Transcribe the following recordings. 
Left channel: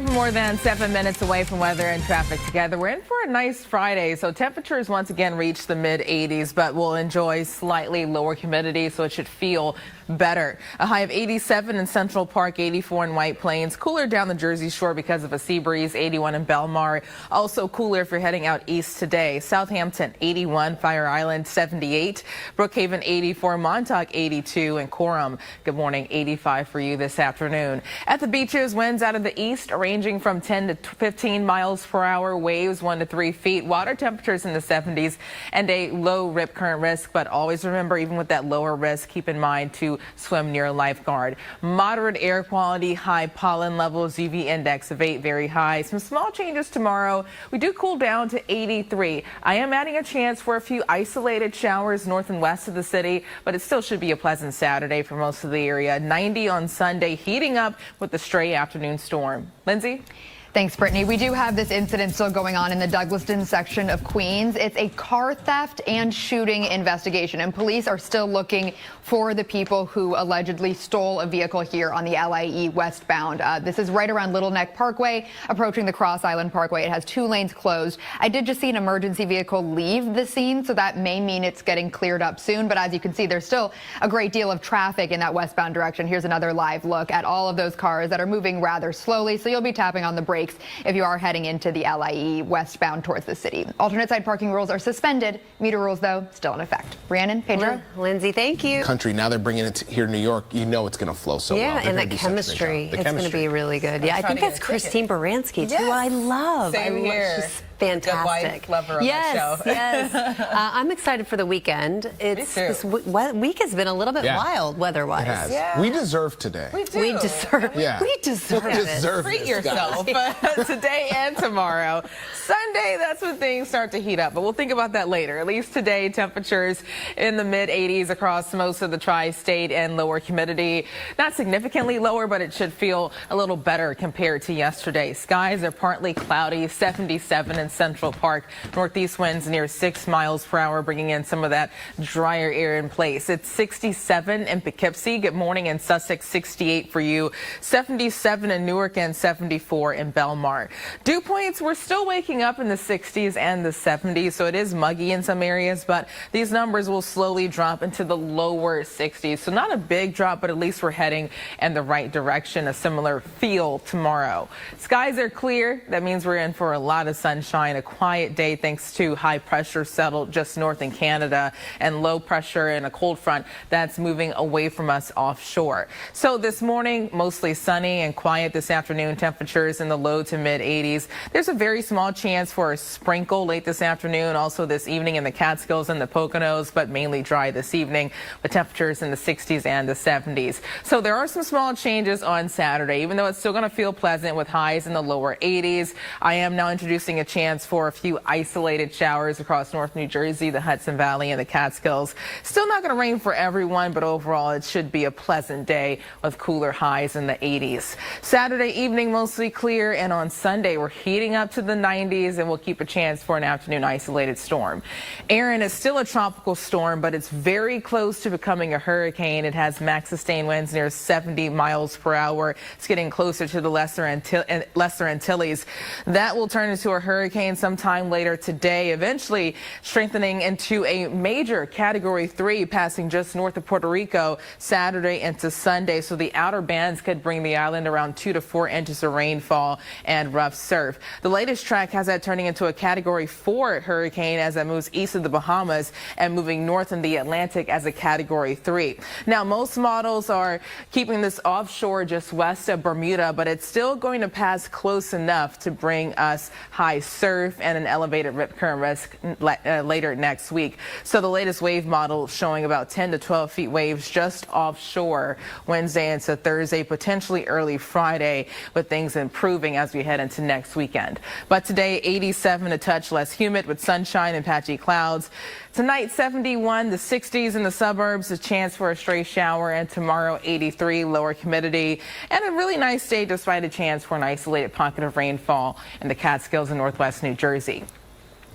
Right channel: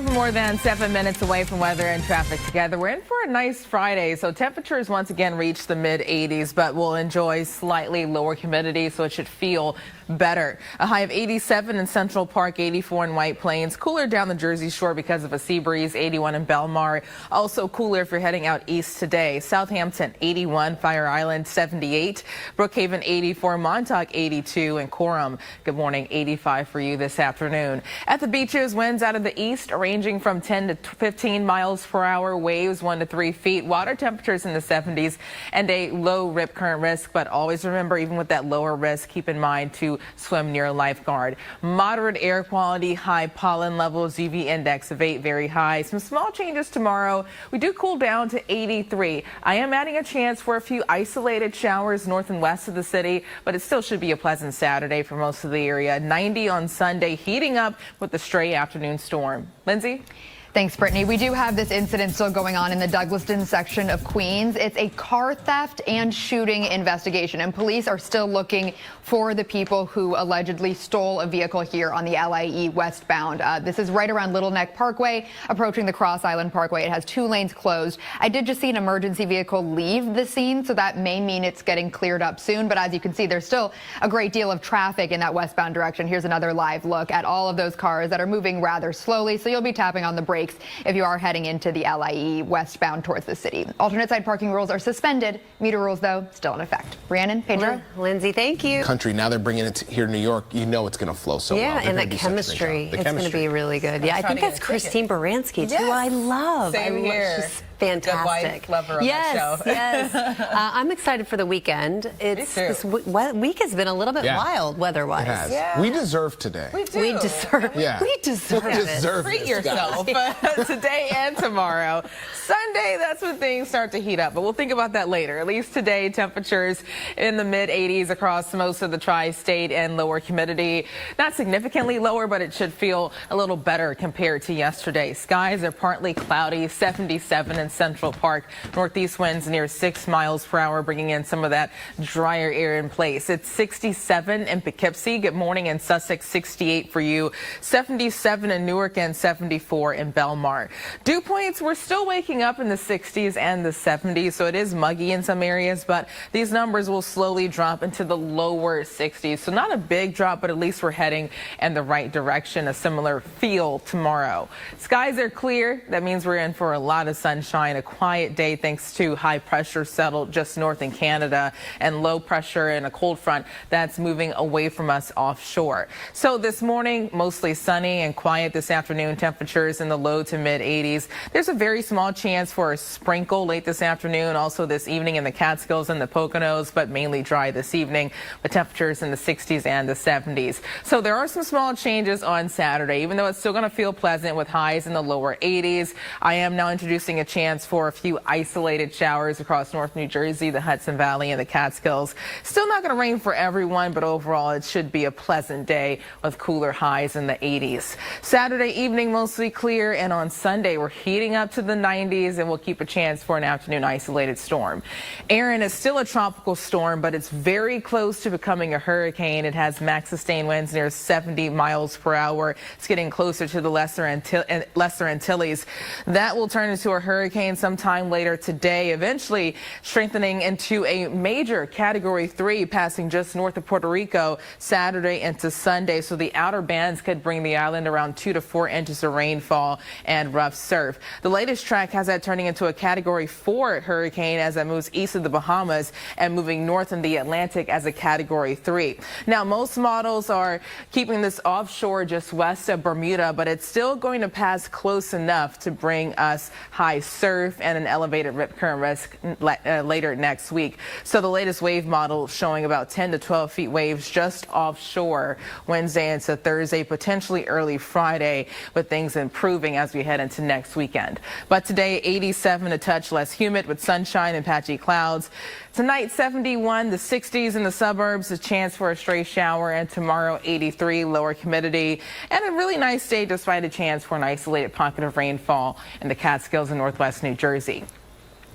And for more than 7 minutes away from weather and traffic together, we're in for a nice Friday. So temperatures once again reach the mid-80s, but we'll enjoy slightly lower humidity, so it should feel better. A high of 87 in Central Park, 84 in White Plains. Cooler down the Jersey Shore because of a sea breeze, 81 in Belmar. Also cooler if you're heading out east today. Southampton, 81. Fire Island, 78. Brookhaven, 84. Montauk, 82. And Coram, good morning, 85 for you this afternoon. At the beaches, winds out of the east ranging from 10 to 15 miles per hour. Waves 1 to 3 feet. Water temperatures in the 70s and a low rip current risk. But always remember, even with that lower risk, keep in mind to swim near a lifeguard. Moderate air quality, high pollen levels, UV index of 8, very high. Some small changes tomorrow. We do cool down to 83. I am adding a chance for a few isolated showers north and west of the city, but it still should be a pleasant Saturday for most of the area. 90 on Sunday, heating up with the stray afternoon storm. Lindsay? Thanks, Brittany. We do have this incident still going on in the Douglaston section of Queens. It's a car theft and shooting investigation, and police are still looking for the people who allegedly stole a vehicle here on the LIE westbound. This is right around Little Neck Parkway, approaching the Cross Island Parkway. It has 2 lanes closed. I did just see an emergency vehicle leave the scene, so that may mean it's getting cleared up soon. But as you can see, there's still a great deal of traffic in that westbound direction. Here's another live look at all of those cars that are moving rather slowly, so you'll be tapping on the brakes if you are heading into the LIE westbound towards the city. Alternate side parking rules are suspended. Meter rules, though, still in effect. Rhiannon, Pedro? Lindsay, thank you. Country, now they're bringing it here in New York. You know it's going to flow so well. Yeah, and that chemistry. It's going to be really good. Yeah, I think that's Christine Baranski, too. I love. Same here. She's fantastic. The wife lover on the show. Yes. I'm excited for the weekend. This week has been a little bit wild weather-wise. It has. Yeah. We deserve today. We deserve. Yeah. We deserve it. Treat yourself today and tomorrow. Sunday, that's when things start to heat up, but we'll think about that later. At least today, temperatures in the mid-80s across most of the tri-state and lower humidity. Not significantly lower, but it should feel a little better compared to yesterday. Skies are partly cloudy, 77 in Central Park. Northeast winds near 6 miles per hour, bringing in some of that drier air in place. It's 67 in Poughkeepsie. Good morning in Sussex, 68 for you. 77 in Newark and 74 in Belmar. Dew points, we're still waking up in the 60s and the 70s, so it is muggy in some areas, but these numbers will slowly drop into the lower 60s. So not a big drop, but at least we're heading in the right direction. A similar feel tomorrow. Skies are clear. That means we're in for a lot of sunshine. A quiet day thanks to high pressure settled just north in Canada and low pressure and a cold front that's moving away from us offshore. So this morning, mostly sunny and quiet. This afternoon, temperatures in the low to mid 80s. There's a very small chance for a sprinkle late this afternoon, also this evening in the Catskills and the Poconos, but mainly dry this evening. The temperatures in the 60s and the 70s. So there are some small changes on Saturday, even though it's still going to feel pleasant with highs in the lower 80s. I am now introducing a chance for a few isolated showers across North New Jersey, the Hudson Valley, and the Catskills. Still not going to rain for everyone, but overall it should be a pleasant day with cooler highs in the 80s. Saturday evening, mostly clear, and on Sunday we're heating up to the 90s, and we'll keep a chance for an afternoon isolated storm. Erin is still a tropical storm, but it's very close to becoming a hurricane. It has max sustained winds near 70 miles per hour. It's getting closer to the Lesser Antilles. That will turn into a hurricane sometime later today, eventually strengthening into a major Category 3, passing just north of Puerto Rico Saturday into Sunday. So the outer bands could bring the island around 2 to 4 inches of rainfall and rough surf. The latest track has that turning into a Category 4 hurricane as it moves east of the Bahamas and moving north in the Atlantic as a Category 3. Now, most models are keeping this offshore just west of Bermuda, but it's still going to pass close enough to bring us high surf and an elevated rip current risk later next week. So the latest wave model showing about 10 to 12 feet waves just offshore Wednesday into Thursday, potentially early Friday, with things improving as we head into next weekend. But today, 87, a touch less humid with sunshine and patchy clouds. Tonight, 71, the 60s in the suburbs, a chance for a stray shower, and tomorrow, 83, lower humidity, and a really nice day despite a chance for an isolated pocket of rainfall in the Catskills and northwest New Jersey.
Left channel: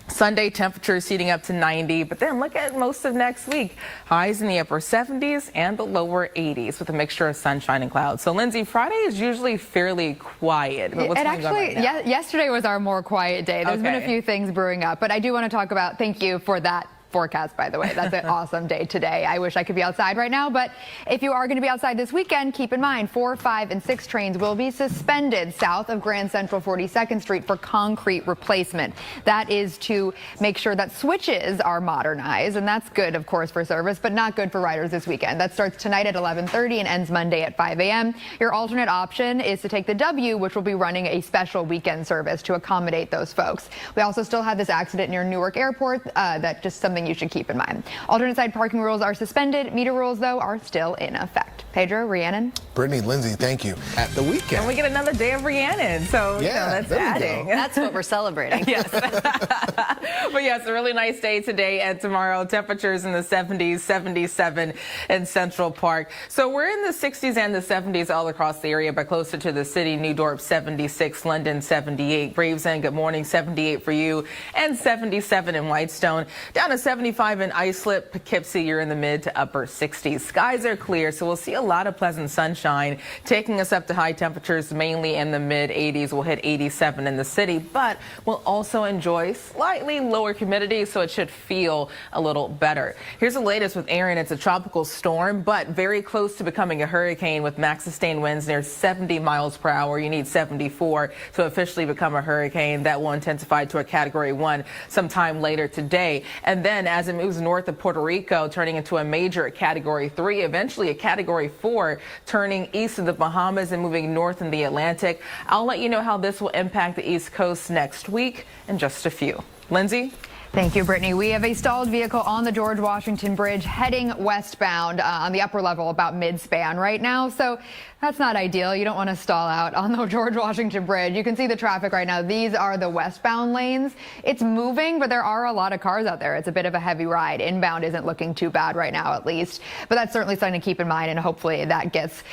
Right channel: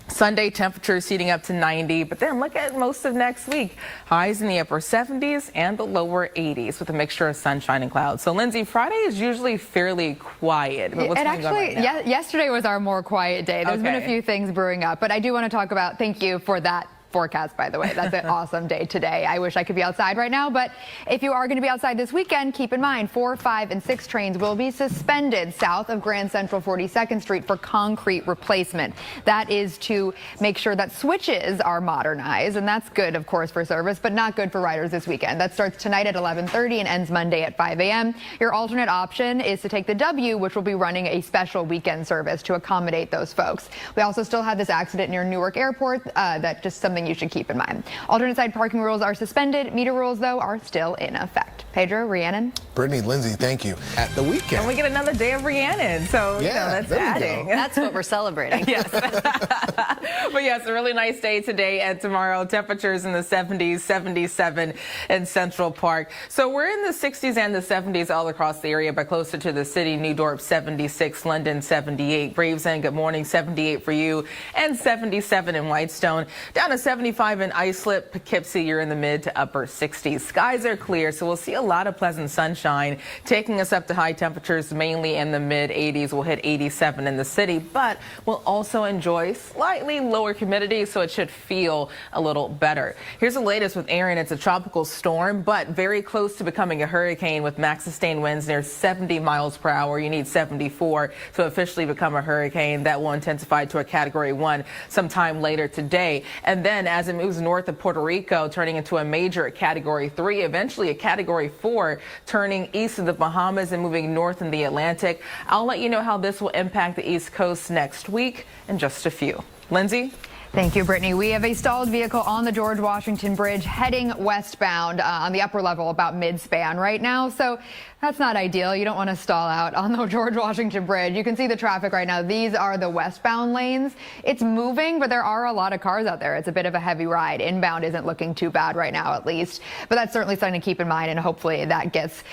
Sunday, temperatures heating up to 90, but then look at most of next week. Highs in the upper 70s and the lower 80s with a mixture of sunshine and clouds. So, Lindsay, Friday is usually fairly quiet. But what's going on right now? Yesterday was our more quiet day. There's been a few things brewing up, but I do want to talk about, thank you for that forecast, by the way. That's an awesome day today. I wish I could be outside right now, but if you are going to be outside this weekend, keep in mind 4, 5, and 6 trains will be suspended south of Grand Central 42nd Street for concrete replacement. That is to make sure that switches are modernized, and that's good, of course, for service, but not good for riders this weekend. That starts tonight at 11:30 and ends Monday at 5 a.m. Your alternate option is to take the W, which will be running a special weekend service to accommodate those folks. We also still have this accident near Newark Airport. That's just something you should keep in mind. Alternate side parking rules are suspended. Meter rules, though, are still in effect. Pedro, Rhiannon. Brittany, Lindsay, thank you. At the weekend. And we get another day of Rhiannon, so that's adding. That's what we're celebrating. Yes. But yes, a really nice day today and tomorrow. Temperatures in the 70s, 77 in Central Park. So we're in the 60s and the 70s all across the area, but closer to the city. New Dorp 76, London 78, Gravesend, good morning, 78 for you, and 77 in Whitestone. Down to 75 in Islip, Poughkeepsie, you're in the mid to upper 60s. Skies are clear, so we'll see a lot of pleasant sunshine, taking us up to high temperatures mainly in the mid 80s. We'll hit 87 in the city, but we'll also enjoy slightly lower humidity, so it should feel a little better. Here's the latest with Erin. It's a tropical storm, but very close to becoming a hurricane with max sustained winds near 70 miles per hour. You need 74 to officially become a hurricane. That will intensify to a Category 1 sometime later today. And then as it moves north of Puerto Rico, turning into a major Category 3, eventually a Category 4, turning east of the Bahamas and moving north in the Atlantic. I'll let you know how this will impact the East Coast next week in just a few. Lindsay? Thank you, Brittany. We have a stalled vehicle on the George Washington Bridge heading westbound on the upper level about mid-span right now. So that's not ideal. You don't want to stall out on the George Washington Bridge. You can see the traffic right now. These are the westbound lanes. It's moving, but there are a lot of cars out there. It's a bit of a heavy ride. Inbound isn't looking too bad right now, at least. But that's certainly something to keep in mind, and hopefully that gets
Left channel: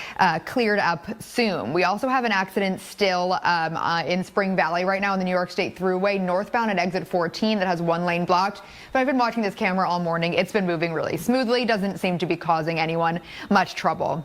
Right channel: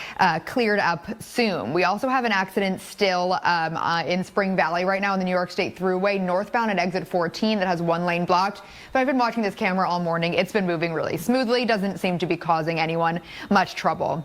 cleared up soon. We also have an accident still in Spring Valley right now on the New York State Thruway, northbound at exit 14 that has one lane blocked. But I've been watching this camera all morning. It's been moving really smoothly. Doesn't seem to be causing anyone much trouble.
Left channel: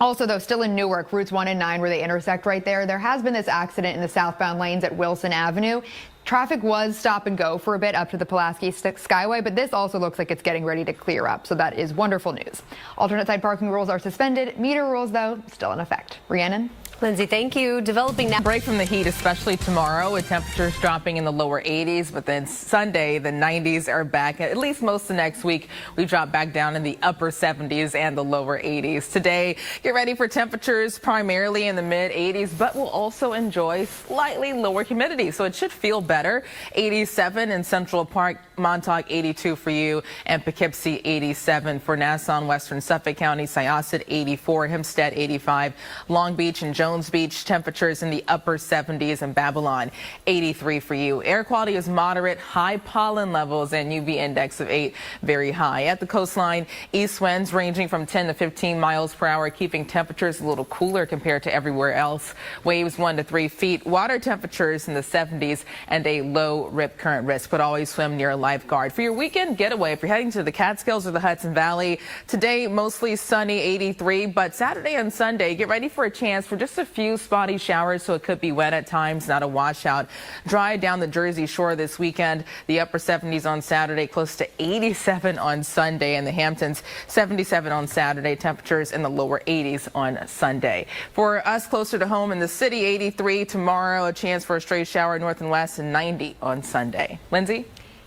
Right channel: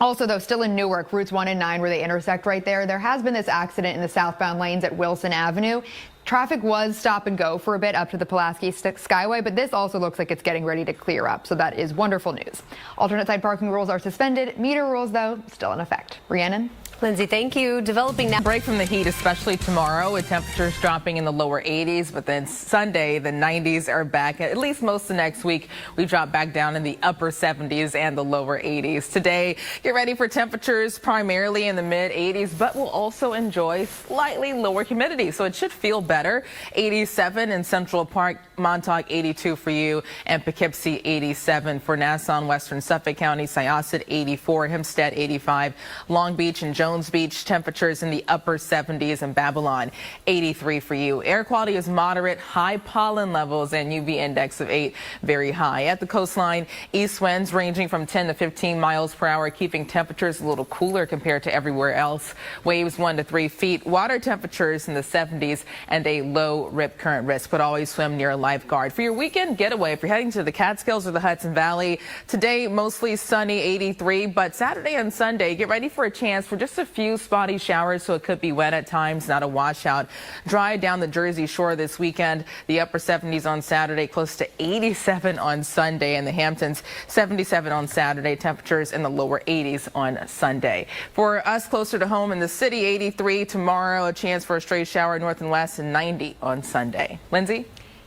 Also, though, still in Newark, routes 1 and 9 where they intersect right there, there has been this accident in the southbound lanes at Wilson Avenue. Traffic was stop and go for a bit up to the Pulaski Skyway, but this also looks like it's getting ready to clear up, so that is wonderful news. Alternate side parking rules are suspended. Meter rules, though, still in effect. Rhiannon? Lindsay, thank you. Developing that break from the heat, especially tomorrow, with temperatures dropping in the lower 80s. But then Sunday, the 90s are back. At least most of next week, we drop back down in the upper 70s and the lower 80s. Today, get ready for temperatures primarily in the mid 80s, but we'll also enjoy slightly lower humidity. So it should feel better. 87 in Central Park, Montauk 82 for you, and Poughkeepsie 87 for Nassau and Western Suffolk County, Syosset 84, Hempstead 85, Long Beach and Jones Beach temperatures in the upper 70s, and Babylon 83 for you. Air quality is moderate, high pollen levels, and UV index of 8 very high. At the coastline, east winds ranging from 10 to 15 miles per hour, keeping temperatures a little cooler compared to everywhere else. Waves 1 to 3 feet. Water temperatures in the 70s and a low rip current risk, but always swim near a lifeguard. For your weekend getaway, if you're heading to the Catskills or the Hudson Valley, today mostly sunny, 83, but Saturday and Sunday, get ready for a chance for just a few spotty showers, so it could be wet at times, not a washout. Dry down the Jersey Shore this weekend. The upper 70s on Saturday, close to 87 on Sunday, and the Hamptons 77 on Saturday. Temperatures in the lower 80s on Sunday. For us closer to home in the city, 83 tomorrow, a chance for a stray shower north and west, and 90 on Sunday. Lindsay?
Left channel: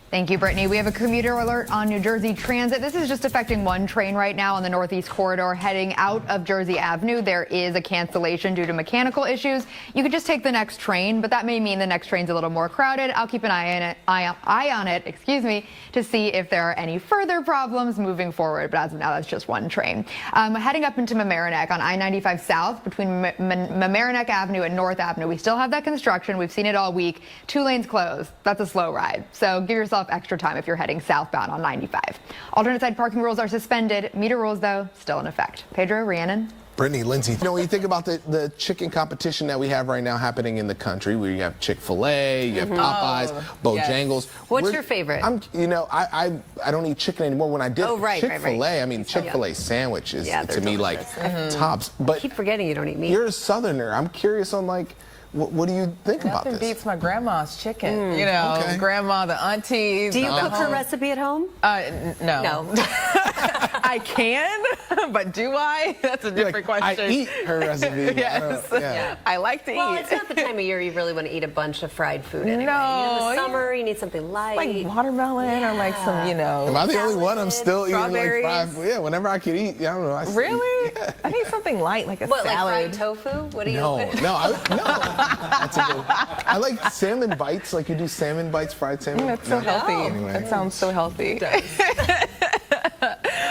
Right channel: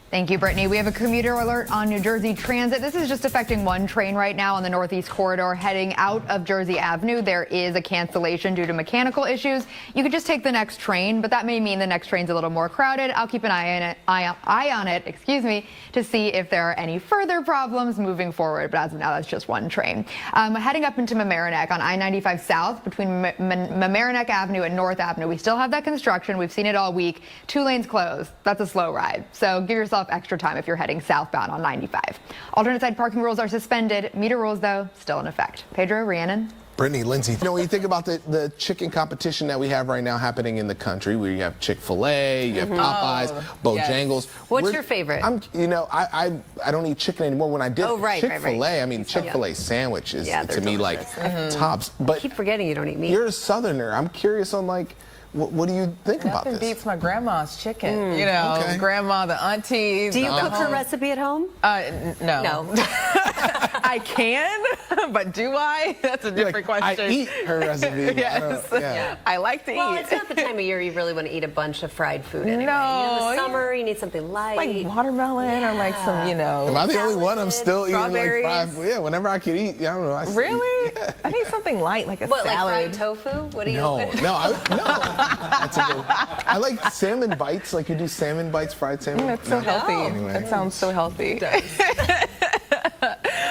Thank you, Brittany. We have a commuter alert on New Jersey Transit. This is just affecting one train right now on the Northeast Corridor heading out of Jersey Avenue. There is a cancellation due to mechanical issues. You could just take the next train, but that may mean the next train's a little more crowded. I'll keep an eye on it, to see if there are any further problems moving forward. But as of now, that's just one train. Heading up into Mamaroneck on I-95 South between Mamaroneck Avenue and North Avenue. We still have that construction. We've seen it all week. 2 lanes closed. That's a slow ride. So give yourself extra time if you're heading southbound on 95. Alternate side parking rules are suspended. Meter rules, though, still in effect. Pedro, Rhiannon? Brittany, Lindsay, when you think about the chicken competition that we have right now happening in the country, where you have Chick-fil-A, you have Popeyes, Bojangles. What's your favorite? I don't eat chicken anymore. When I did Chick-fil-A, I mean, Chick-fil-A sandwich is to me like tops. But I keep forgetting you don't eat meat. You're a Southerner. I'm curious on what do you think about this? Nothing beats my grandma's chicken. Grandma, the aunties. Do you cook her recipe at home? No. I can, but do I? That's a different question. I eat her recipe. Yes. I like to eat. It's not the time of year you really want to eat a bunch of fried food anyway. No. In the summer, you need something light. Like watermelon or like some, Am I the only one? I'm still eating like fried food. Yeah, whenever I can eat. I don't know. Really? I need something light, like a salad. Like fried tofu? What do you No. That's a good. I like salmon bites. Like you do salmon bites, fried salmon. That's so healthy. Anyway. That sounds so healthy.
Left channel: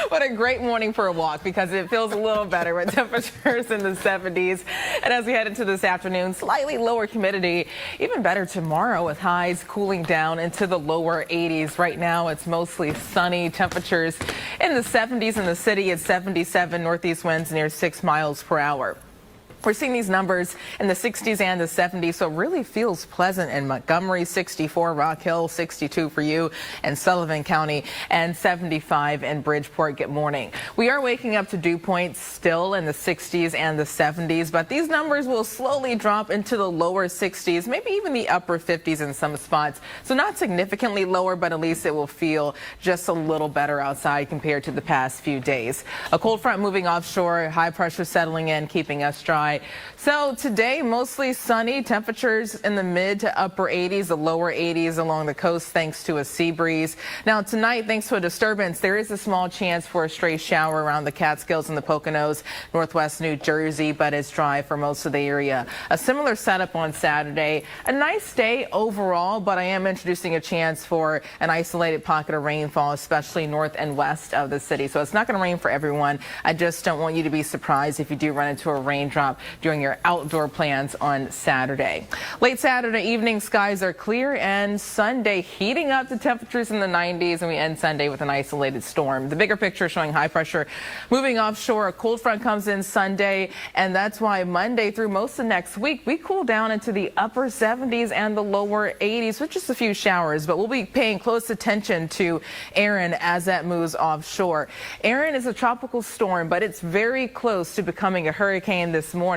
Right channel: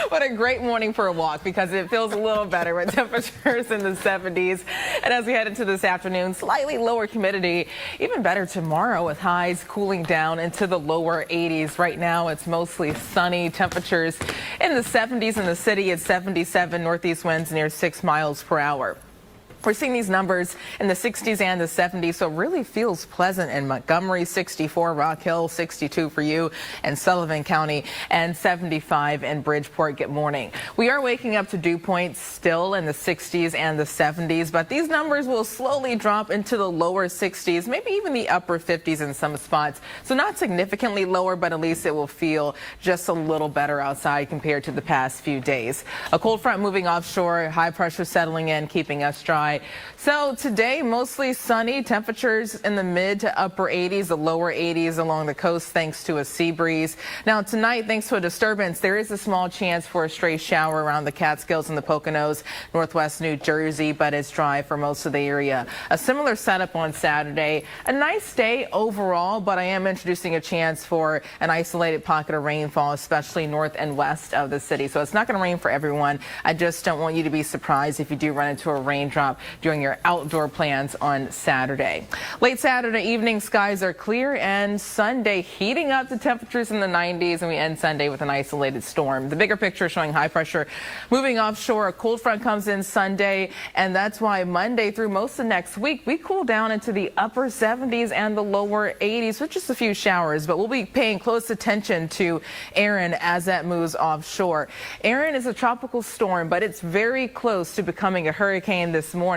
What a great morning for a walk, because it feels a little better with temperatures in the 70s. And as we head into this afternoon, slightly lower humidity. Even better tomorrow with highs cooling down into the lower 80s. Right now it's mostly sunny. Temperatures in the 70s in the city at 77, northeast winds near 6 miles per hour. We're seeing these numbers in the 60s and the 70s, so it really feels pleasant in Montgomery, 64, Rock Hill, 62 for you, and Sullivan County, and 75 in Bridgeport. Good morning. We are waking up to dew points still in the 60s and the 70s, but these numbers will slowly drop into the lower 60s, maybe even the upper 50s in some spots. So not significantly lower, but at least it will feel just a little better outside compared to the past few days. A cold front moving offshore, high pressure settling in, keeping us dry. So today, mostly sunny, temperatures in the mid to upper 80s, the lower 80s along the coast thanks to a sea breeze. Now tonight, thanks to a disturbance, there is a small chance for a stray shower around the Catskills and the Poconos, northwest New Jersey, but it's dry for most of the area. A similar setup on Saturday. A nice day overall, but I am introducing a chance for an isolated pocket of rainfall, especially north and west of the city. So it's not going to rain for everyone. I just don't want you to be surprised if you do run into a raindrop during your outdoor plans on Saturday. Late Saturday evening, skies are clear, and Sunday heating up to temperatures in the 90s, and we end Sunday with an isolated storm. The bigger picture showing high pressure moving offshore. A cold front comes in Sunday, and that's why Monday through most of next week, we cool down into the upper 70s and the lower 80s with just a few showers, but we'll be paying close attention to Erin as that moves offshore. Erin is a tropical storm, but it's very close to becoming a hurricane this morning.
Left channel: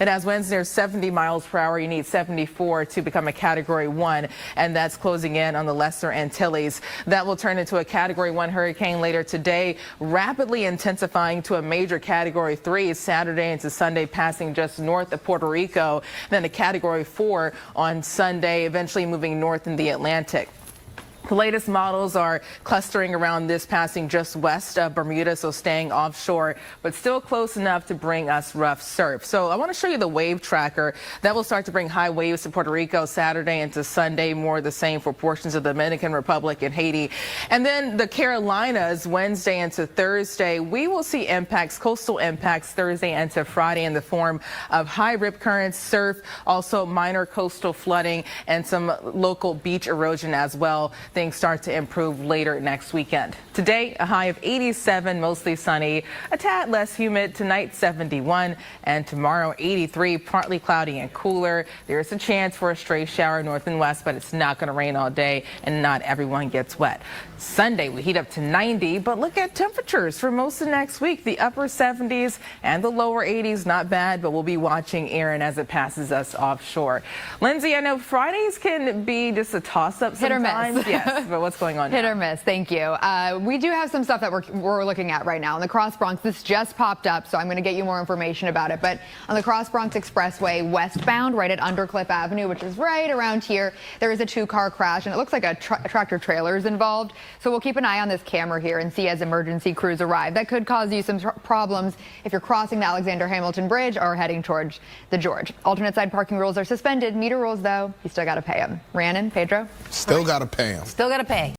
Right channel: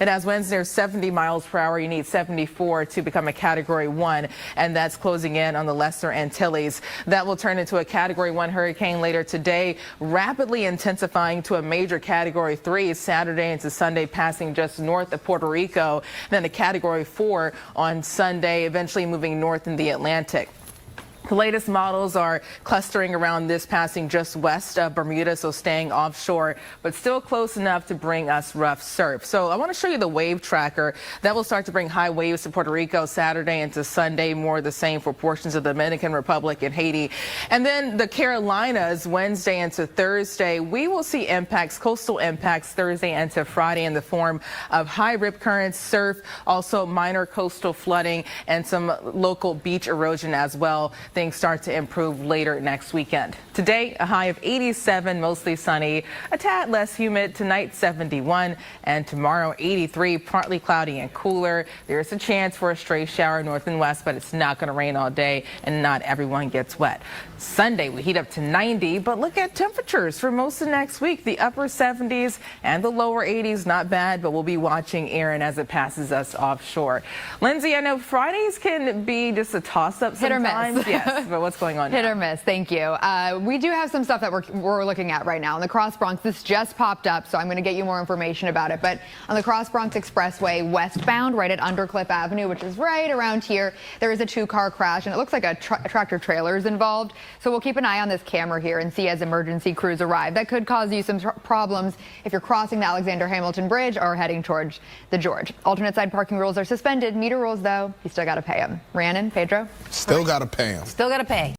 It has winds near 70 miles per hour. You need 74 to become a Category 1, and that's closing in on the Lesser Antilles. That will turn into a Category 1 hurricane later today, rapidly intensifying to a major Category 3 Saturday into Sunday, passing just north of Puerto Rico, then a Category 4 on Sunday, eventually moving north in the Atlantic. The latest models are clustering around this, passing just west of Bermuda, so staying offshore, but still close enough to bring us rough surf. So I want to show you the wave tracker. That will start to bring high waves to Puerto Rico Saturday into Sunday, more the same for portions of the Dominican Republic and Haiti. And then the Carolinas, Wednesday into Thursday, we will see impacts, coastal impacts Thursday into Friday in the form of high rip currents, surf, also minor coastal flooding, and some local beach erosion as well. Things start to improve later next weekend. Today, a high of 87, mostly sunny, a tad less humid. Tonight, 71, and tomorrow, 83, partly cloudy and cooler. There is a chance for a stray shower north and west, but it's not going to rain all day, and not everyone gets wet. Sunday, we heat up to 90, but look at temperatures for most of next week. The upper 70s and the lower 80s, not bad, but we'll be watching Erin as it passes us offshore. Lindsay, I know Fridays can be just a toss-up sometimes. Hit or miss. Yes, but what's going on Hit now? or miss, thank you. We do have some stuff that we're looking at right now. On the Cross Bronx, this just popped up, so I'm going to get you more information about it. But on the Cross Bronx Expressway westbound, right at Undercliff Avenue, which is right around here, there is a two-car crash, and it looks like a tractor trailer is involved. So we'll keep an eye on this camera here and see as emergency crews arrive. That could cause you some problems if you're crossing the Alexander Hamilton Bridge or heading towards the George. Alternate side parking rules are suspended. Meter rules, though, you still got to pay them. Rhiannon, Pedro? Still got to pay them. Still got to pay.